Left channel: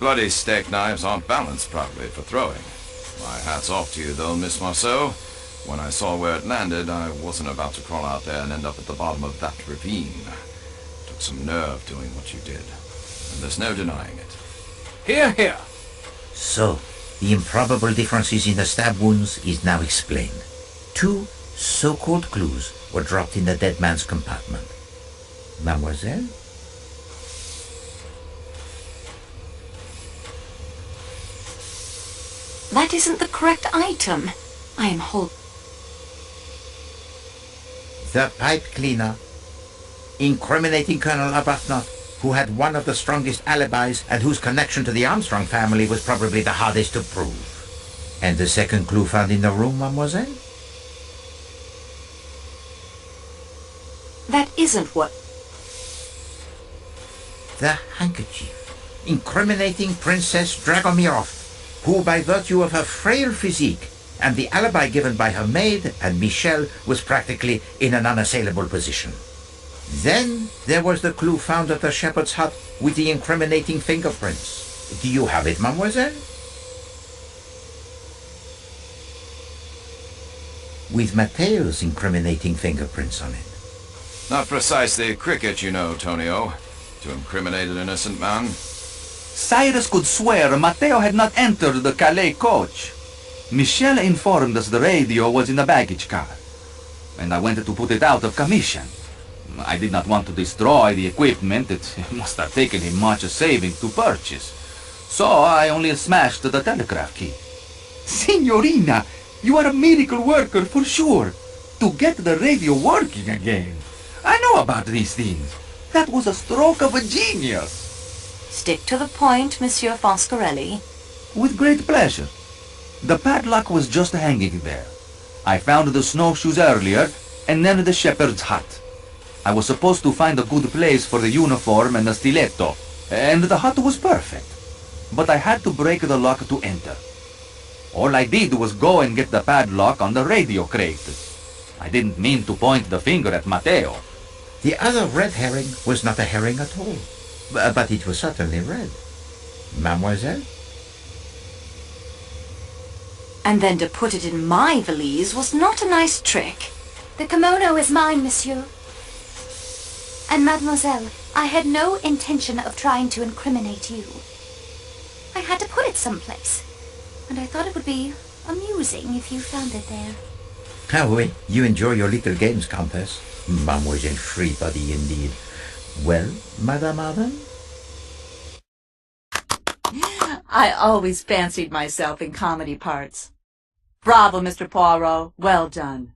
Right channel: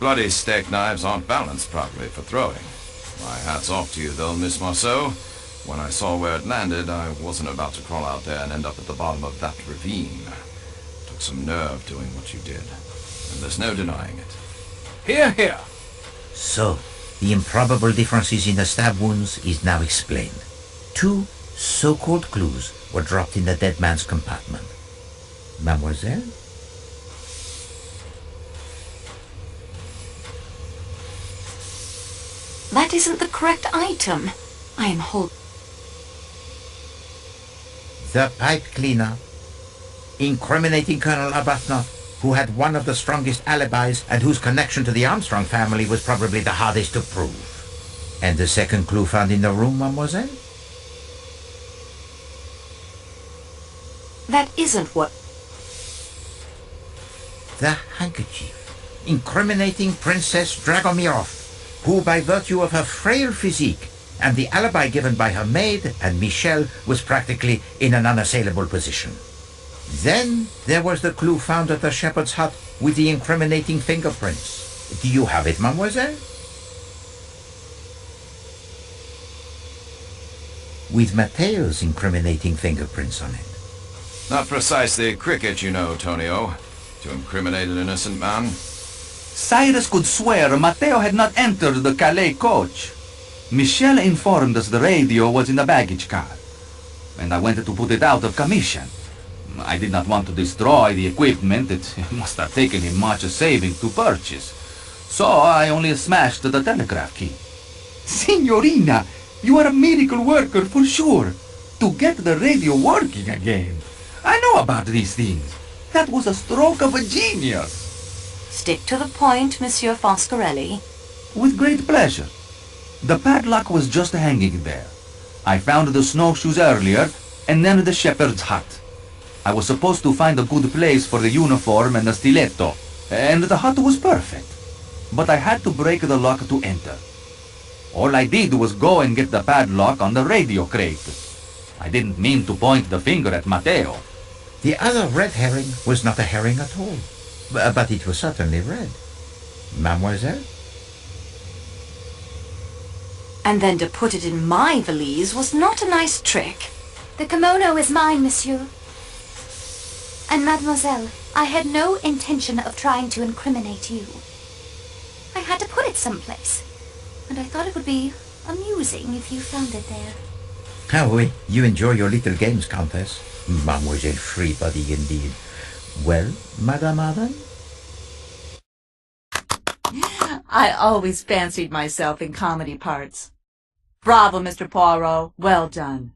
Bloody steak knives aren't balanced properly for throwing. My hat's off to you, though, Miss Marceau. When I saw where it landed, I wasn't about to crawl out there and end up at the bottom of that ravine. Took some nerve doing what you did, and there's no denying it. Hear, hear. So, the improbable differences in the stab wounds is now explained. 2 so-called clues were dropped in the dead man's compartment. Mademoiselle? That isn't the correct item. I am The pipe cleaner, incriminating Colonel Arbuthnot, who had one of the strongest alibis and whose connection to the Armstrong family was probably the hardest to prove. And the second clue found in the room, mademoiselle? That isn't what... The handkerchief, incriminating Princess Dragomirov, who by virtue of her frail physique and the alibi given by her maid and Michel was practically in an unassailable position. Then there was the clue found at the shepherd's hut with the incriminating fingerprints. Do you have it, mademoiselle? With Matteo's incriminating fingerprints on it. Not precisely cricket, you know, Tonio, to incriminate an innocent man. Cyrus could swear Matteo had not entered the Calais coach. Michel informed us the radio was in the baggage car, and I went to put it out of commission. I did not want to destroy the equipment. It must have taken him much saving to purchase. So I only smashed the telegraph key. Signorina, you are a miracle worker for sure. To get the radio working again. I know about these things. That was a stroke of a genius. Stick to the point, Monsieur Foscarelli. With great pleasure. The padlock was just hanging there. I found the snowshoes earlier, and then the shepherd's hut. I was supposed to find a good place for the uniform and the stiletto, and the hut was perfect. But I had to break the lock to enter. All I did was go and get the padlock on the radio crate. I didn't mean to point the finger at Matteo. The other red herring was not a herring at all, but it was certainly red. Mademoiselle? And then to put it in my valise was not a nice trick. The kimono is mine, monsieur. And mademoiselle, I had no intention of trying to incriminate you. I had to put it someplace, and I thought it would be amusing if you found it there. Ah oui, you enjoy your little games, Countess. Mademoiselle Freebody, indeed. Well, Madame Arden? I always fancied myself in comedy parts. Bravo, Mr. Poirot. Well done.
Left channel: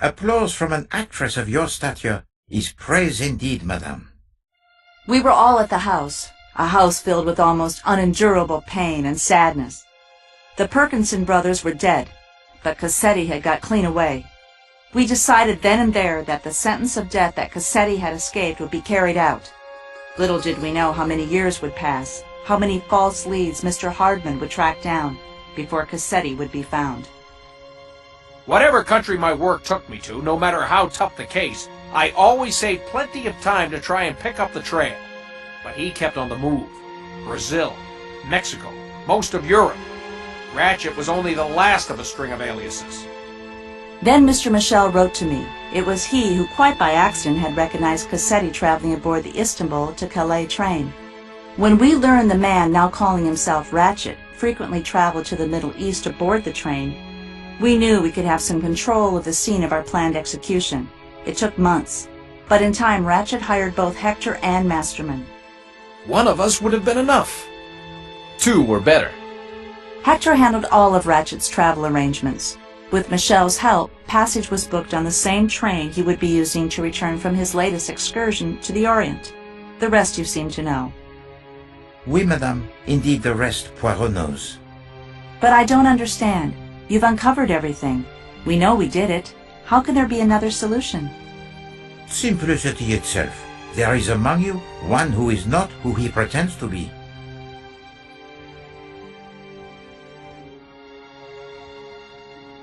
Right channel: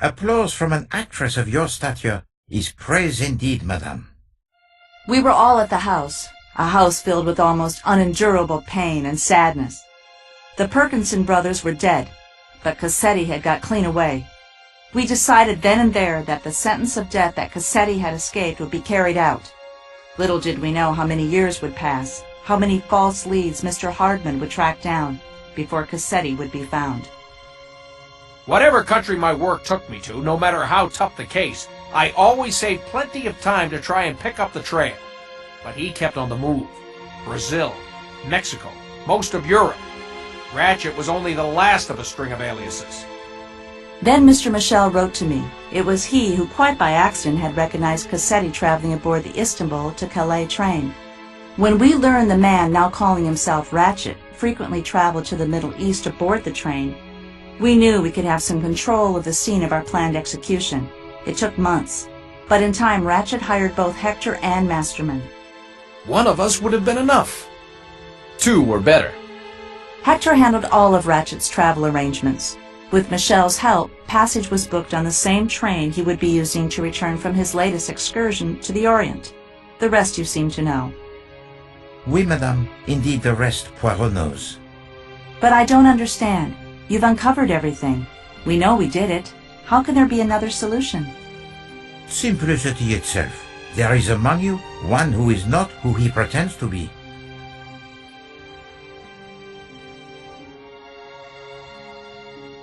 Applause from an actress of your stature is praise indeed, madame. We were all at the house, a house filled with almost unendurable pain and sadness. The Perkinson brothers were dead, but Cassetti had got clean away. We decided then and there that the sentence of death that Cassetti had escaped would be carried out. Little did we know how many years would pass, how many false leads Mr. Hardman would track down before Cassetti would be found. Whatever country my work took me to, no matter how tough the case, I always saved plenty of time to try and pick up the trail. But he kept on the move. Brazil, Mexico, most of Europe. Ratchet was only the last of a string of aliases. Then Mr. Michel wrote to me. It was he who, quite by accident, had recognized Cassetti traveling aboard the Istanbul to Calais train. When we learned the man, now calling himself Ratchet, frequently traveled to the Middle East aboard the train, we knew we could have some control of the scene of our planned execution. It took months, but in time Ratchet hired both Hector and Masterman. One of us would have been enough. Two were better. Hector handled all of Ratchet's travel arrangements. With Michel's help, passage was booked on the same train he would be using to return from his latest excursion to the Orient. The rest you seem to know. Oui, madame. Indeed, the rest Poirot knows. But I don't understand. You've uncovered everything. We know we did it. How can there be another solution? Simplicity itself. There is among you one who is not who he pretends to be.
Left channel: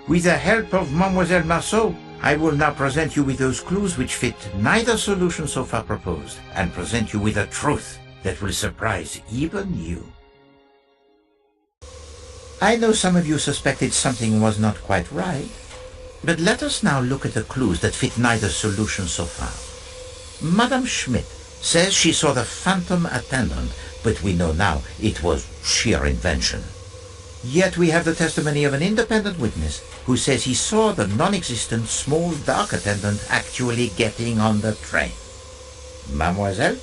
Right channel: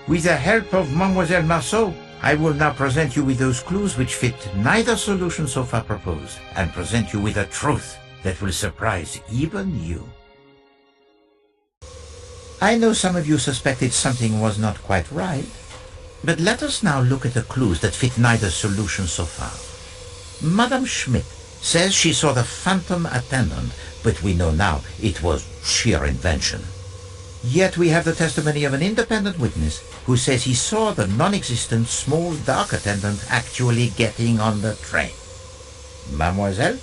With the help of Mademoiselle Marceau, I will now present you with those clues which fit neither solution so far proposed, and present you with a truth that will surprise even you. I know some of you suspected something was not quite right, but let us now look at the clues that fit neither solution so far. Madame Schmidt says she saw the phantom attendant, but we know now it was sheer invention. Yet we have the testimony of an independent witness who says he saw the non-existent small dark attendant actually getting on the train. Mademoiselle?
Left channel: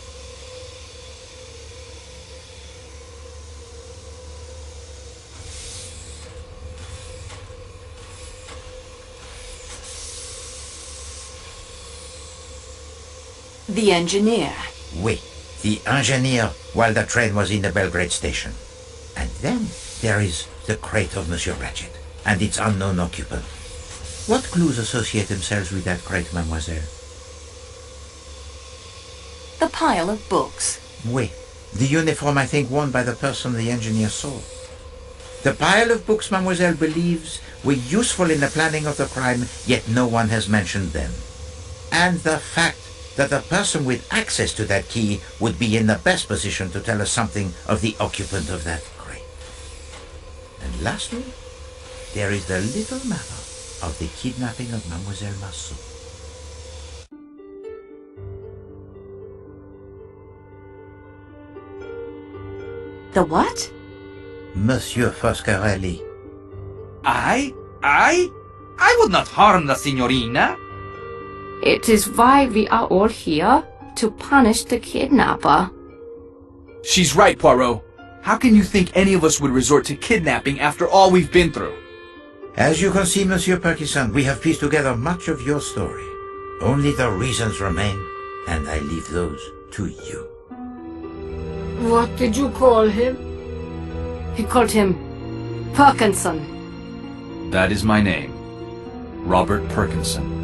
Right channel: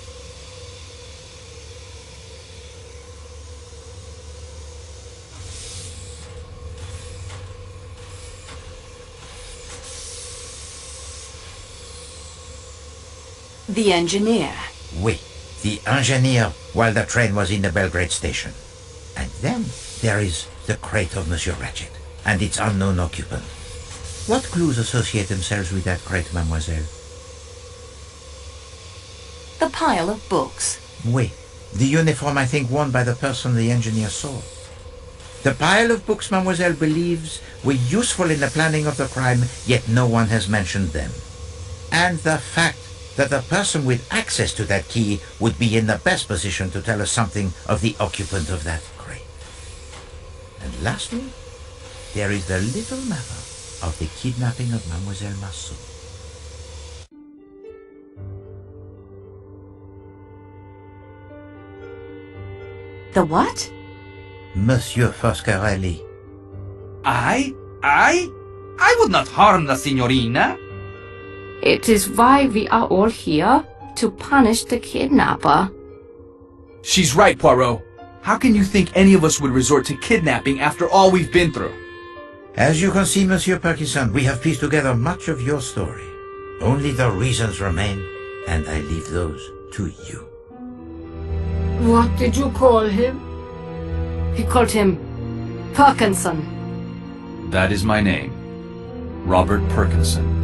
The engineer. Oui, the engineer while the train was in the Belgrade station. And then there is the crate of Monsieur Ratchet and its unknown occupant. What clues associate themselves with that crate, mademoiselle? The pile of books. Oui, the uniform I think worn by the person the engineer saw. The pile of books mademoiselle believes were useful in the planning of the crime, yet no one has mentioned them. And the fact that the person with access to that key would be in the best position to tell us something of the occupant of that crate. And lastly, there is the little matter of the kidnapping of Mademoiselle Marceau. The what? Monsieur Foscarelli. I would not harm the signorina. It is why we are all here, to punish the kidnapper. She's right, Poirot. How can you think any of us would resort to kidnapping after all we've been through? As you can see, Monsieur Parkinson, we have pieced together much of your story. Only the reasons remain, and I leave those to you. What did you call him? He called him Parkinson. That is my name. Robert Perkinson.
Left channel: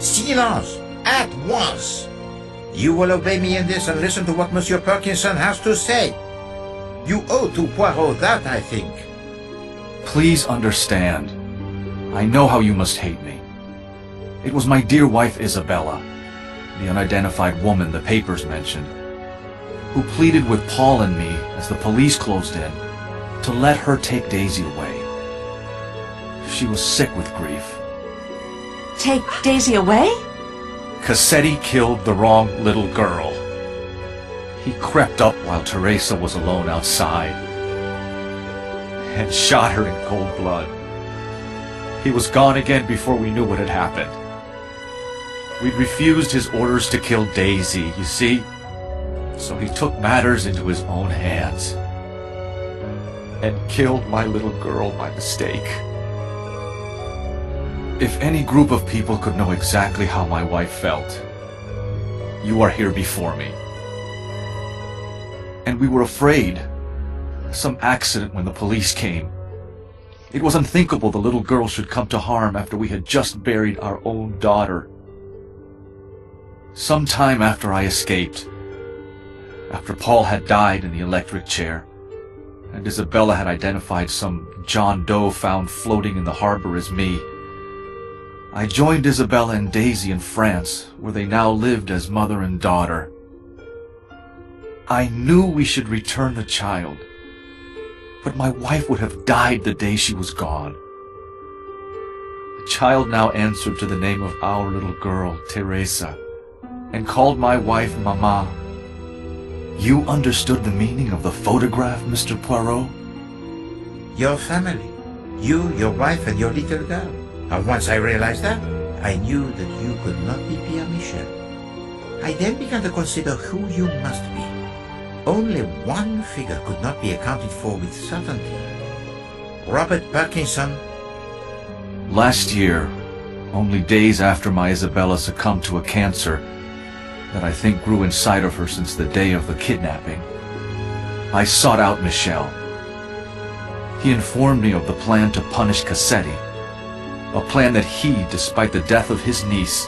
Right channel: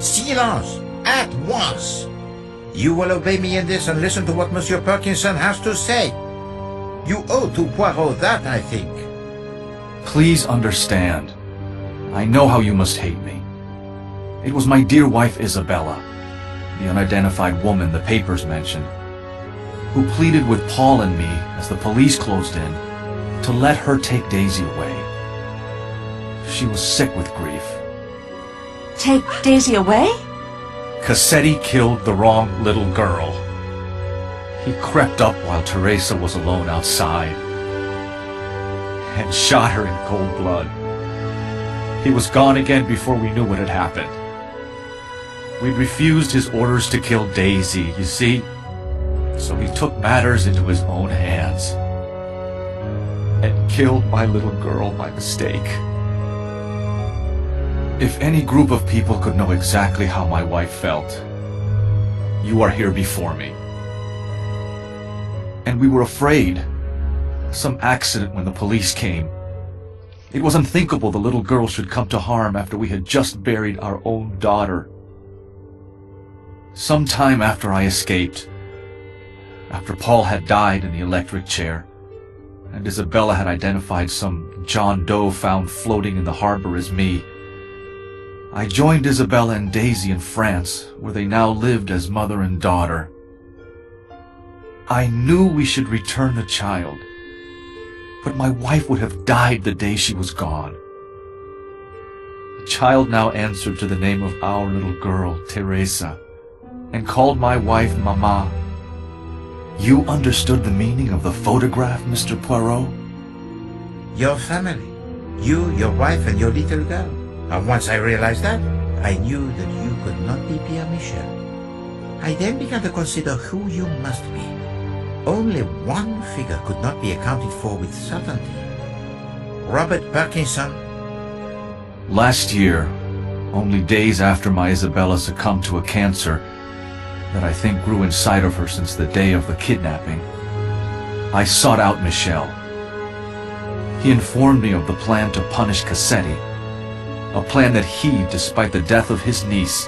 Silence! At once! You will obey me in this and listen to what Monsieur Perkinson has to say. You owe to Poirot that, I think. Please understand. I know how you must hate me. It was my dear wife Isabella, the unidentified woman the papers mentioned, who pleaded with Paul and me as the police closed in to let her take Daisy away. She was sick with grief. Take Daisy away? Cassetti killed the wrong little girl. He crept up while Teresa was alone outside and shot her in cold blood. He was gone again before we knew what had happened. We refused his orders to kill Daisy, you see, so he took matters into his own hands and killed my little girl by mistake. If any group of people could know exactly how my wife felt, you are here before me. And we were afraid. Some accident when the police came. It was unthinkable the little girl should come to harm after we had just buried our own daughter. Some time after I escaped, after Paul had died in the electric chair, and Isabella had identified some John Doe found floating in the harbor as me, I joined Isabella and Daisy in France, where they now lived as mother and daughter. I knew we should return the child, but my wife would have died the day she was gone. The child now answered to the name of our little girl, Teresa, and called my wife Mama. You understood the meaning of the photograph, Mr. Poirot? Your family. You, your wife, and your little girl. And once I realized that, I knew that you could not be Pierre Michel. I then began to consider who you must be. Only one figure could not be accounted for with certainty. Robert Parkinson. Last year, only days after my Isabella succumbed to a cancer that I think grew inside of her since the day of the kidnapping, I sought out Michel. He informed me of the plan to punish Cassetti, a plan that he, despite the death of his niece,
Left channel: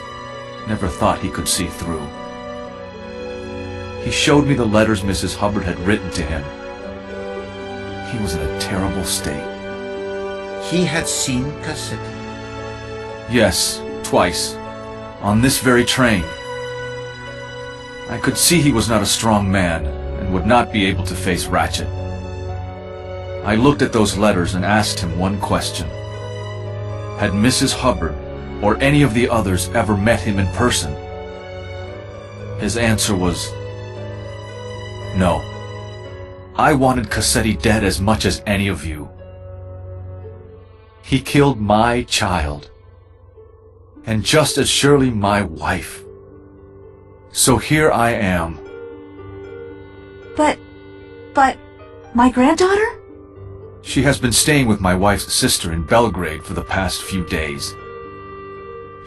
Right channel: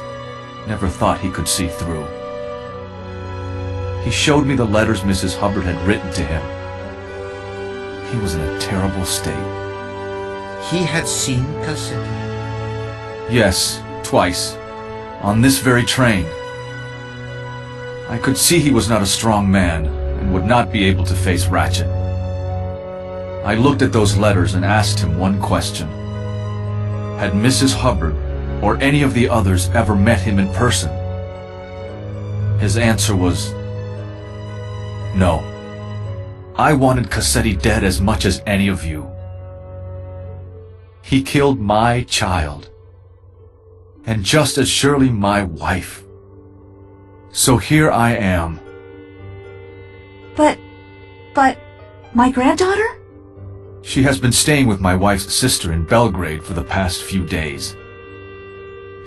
never thought he could see through. He showed me the letters Mrs. Hubbard had written to him. He was in a terrible state. He had seen Cassetti. Yes, twice. On this very train. I could see he was not a strong man, and would not be able to face Ratchet. I looked at those letters and asked him one question. Had Mrs. Hubbard or any of the others ever met him in person? His answer was no. I wanted Cassetti dead as much as any of you. He killed my child, and just as surely my wife. So here I am. But, my granddaughter? She has been staying with my wife's sister in Belgrade for the past few days.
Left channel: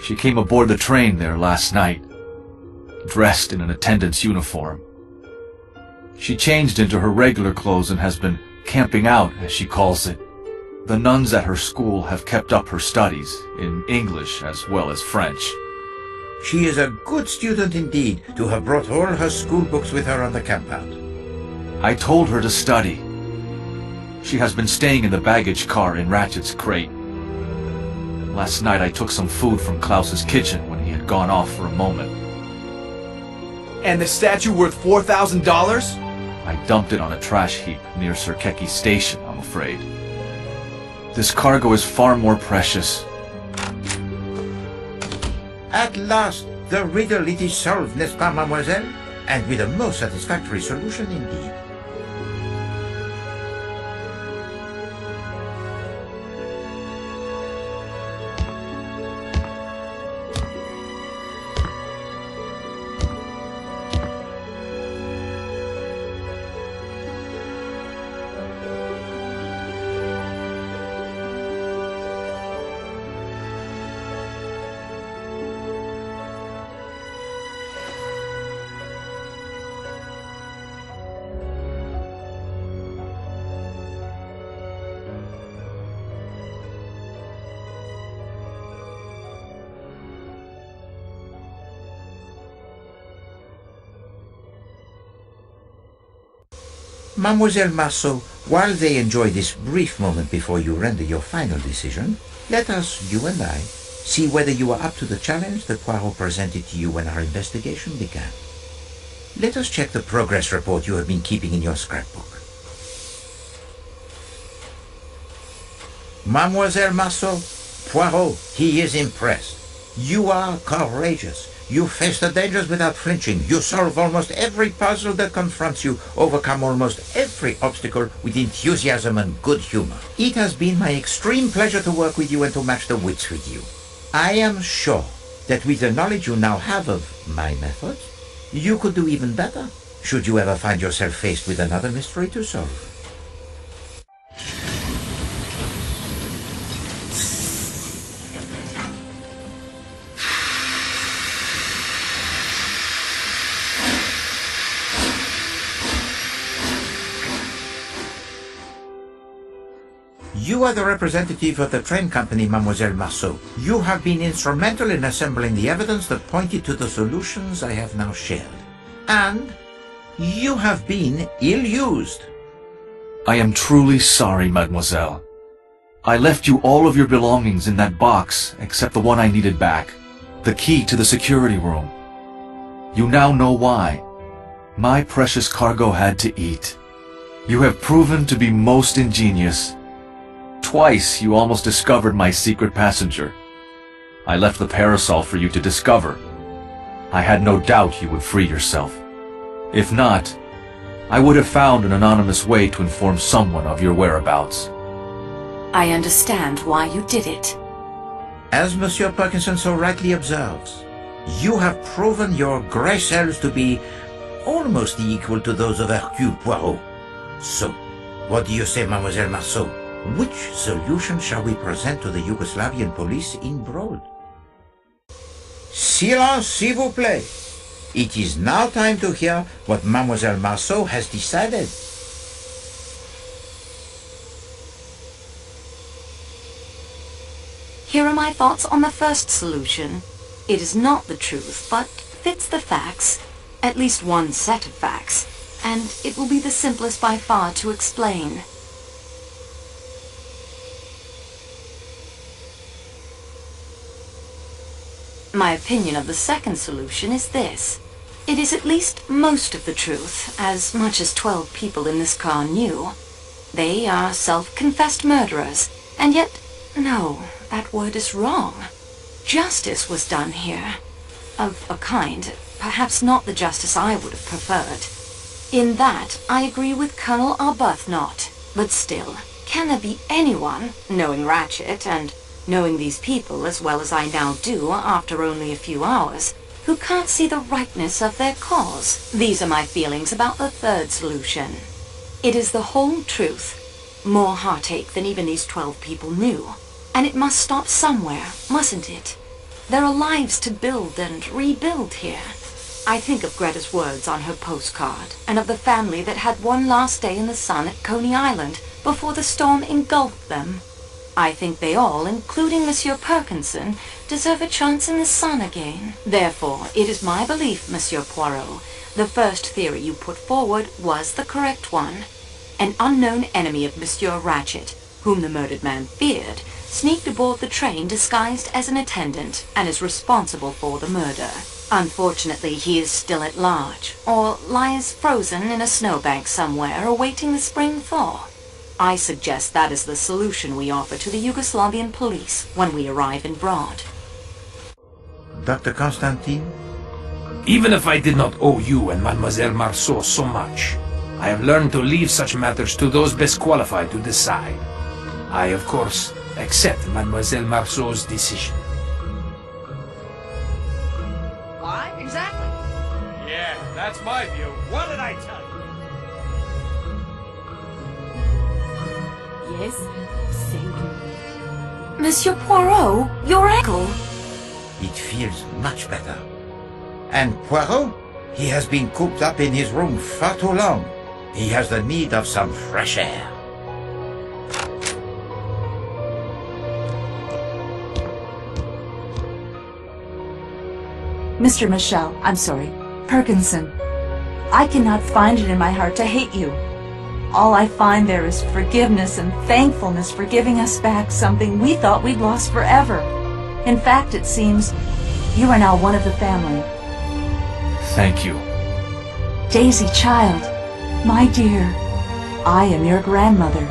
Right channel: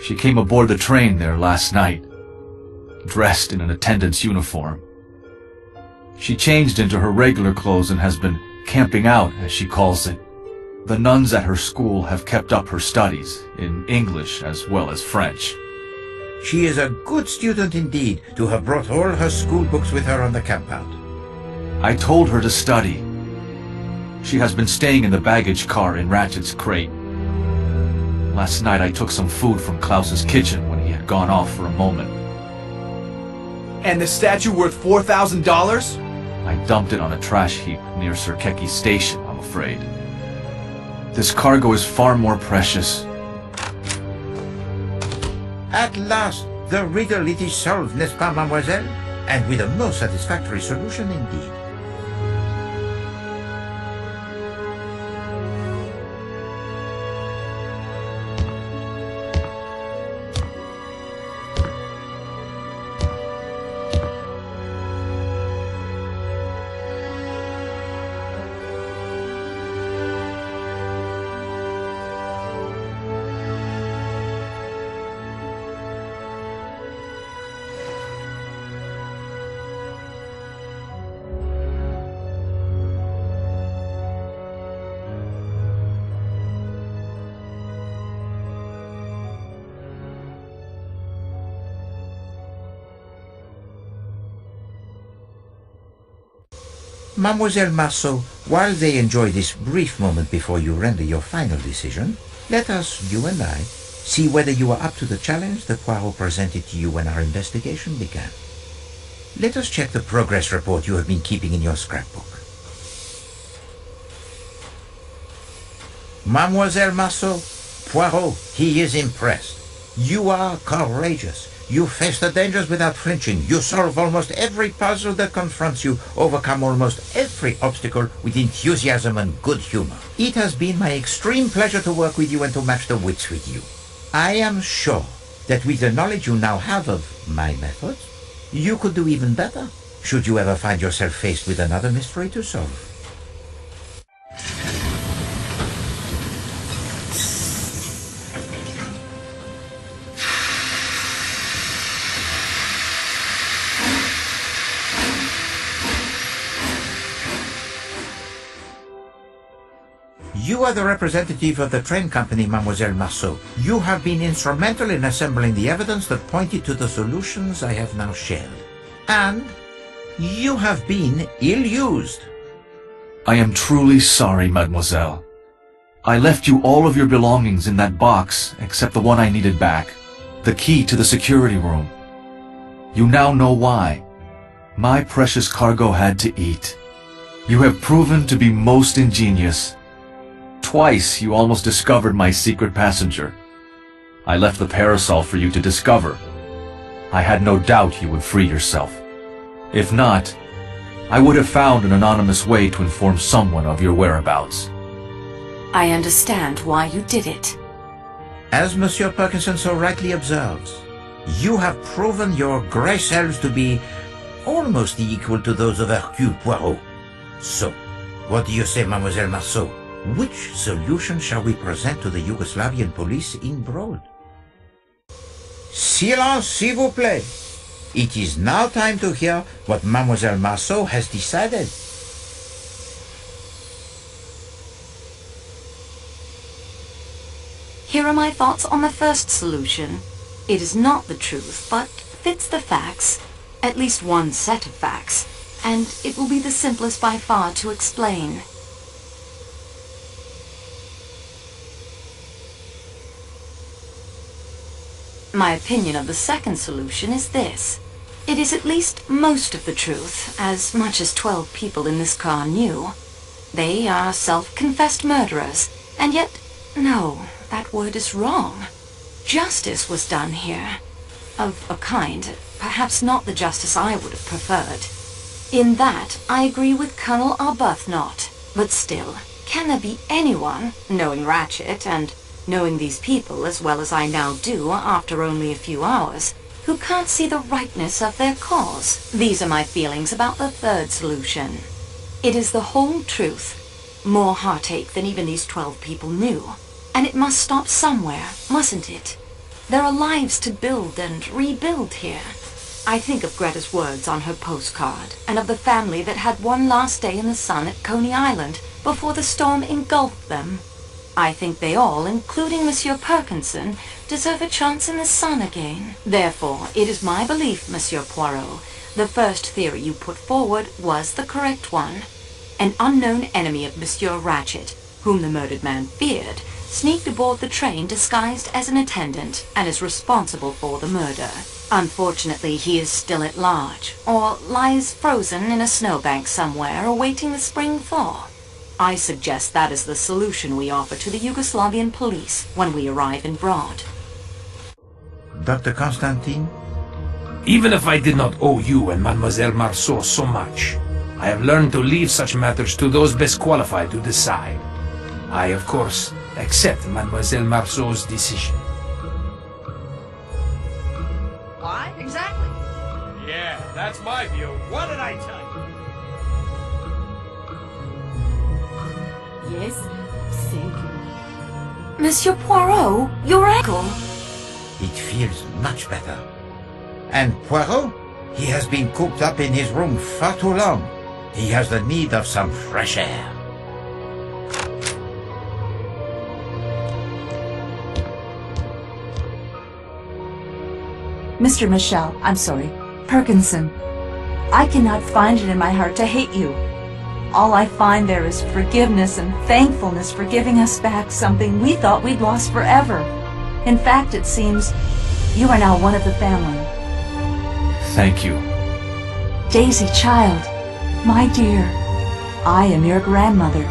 She came aboard the train there last night, dressed in an attendant's uniform. She changed into her regular clothes and has been camping out, as she calls it. The nuns at her school have kept up her studies, in English as well as French. She is a good student indeed, to have brought all her school books with her on the campout. I told her to study. She has been staying in the baggage car in Ratchet's crate. Last night I took some food from Klaus's kitchen when he had gone off for a moment. And the statue worth $4,000? I dumped it on a trash heap near Sirkeki Station, I'm afraid. This cargo is far more precious. At last, the riddle it is solved, n'est-ce pas, mademoiselle? And with a most satisfactory solution indeed. Mademoiselle Marceau, while they enjoy this brief moment before you render your final decision, let us, you and I, see whether you are up to the challenge that Poirot presented to you when our investigation began. Let us check the progress report you have been keeping in your scrapbook. Mademoiselle Marceau, Poirot, he is impressed. You are courageous. You face the dangers without flinching. You solve almost every puzzle that confronts you, overcome almost every obstacle with enthusiasm and good humor. It has been my extreme pleasure to work with you and to match the wits with you. I am sure that with the knowledge you now have of my methods, you could do even better, should you ever find yourself faced with another mystery to solve. You are the representative of the train company, Mademoiselle Marceau. You have been instrumental in assembling the evidence that pointed to the solutions I have now shared. And you have been ill-used. I am truly sorry, mademoiselle. I left you all of your belongings in that box, except the one I needed back, the key to the security room. You now know why. My precious cargo had to eat. You have proven to be most ingenious. Twice you almost discovered my secret passenger. I left the parasol for you to discover. I had no doubt you would free yourself. If not, I would have found an anonymous way to inform someone of your whereabouts. I understand why you did it. As Monsieur Parkinson so rightly observes, you have proven your grey cells to be almost equal to those of Hercule Poirot. So, what do you say, Mademoiselle Marceau? Which solution shall we present to the Yugoslavian police in Broad? Silence, s'il vous plaît. It is now time to hear what Mademoiselle Marceau has decided. Here are my thoughts on the first solution. It is not the truth, but fits the facts, at least one set of facts, and it will be the simplest by far to explain. My opinion of the second solution is this. It is at least most of the truth, as much as 12 people in this car knew. They are self-confessed murderers, and yet, no, that word is wrong. Justice was done here. Of a kind, perhaps not the justice I would have preferred. In that, I agree with Colonel Arbuthnot. But still, can there be anyone, knowing Ratchet and knowing these people as well as I now do after only a few hours, who can't see the rightness of their cause? These are my feelings about the third solution. It is the whole truth. More heartache than even these 12 people knew. And it must stop somewhere, mustn't it? There are lives to build and rebuild here. I think of Greta's words on her postcard, and of the family that had one last day in the sun at Coney Island before the storm engulfed them. I think they all, including Monsieur Perkinson, deserve a chance in the sun again. Therefore, it is my belief, Monsieur Poirot, the first theory you put forward was the correct one. An unknown enemy of Monsieur Ratchet, whom the murdered man feared, sneaked aboard the train disguised as an attendant and is responsible for the murder. Unfortunately, he is still at large, or lies frozen in a snowbank somewhere awaiting the spring thaw. I suggest that is the solution we offer to the Yugoslavian police when we arrive in Broad. Dr. Constantine? Even if I did not owe you and Mademoiselle Marceau so much, I have learned to leave such matters to those best qualified to decide. I, of course, accept Mademoiselle Marceau's decision. Why? Exactly. Yeah, that's my view. What did I tell you? Yes, thank you. Monsieur Poirot, your ankle! It feels much better. And Poirot? He has been cooped up in his room far too long. He has the need of some fresh air. Mr. Michel, I'm sorry, Perkinson. I cannot find it in my heart to hate you. All I find there is forgiveness and thankfulness for giving us back something we thought we'd lost forever. In fact, it seems you are now one of the family. Thank you. Daisy, child, my dear, I am your grandmother.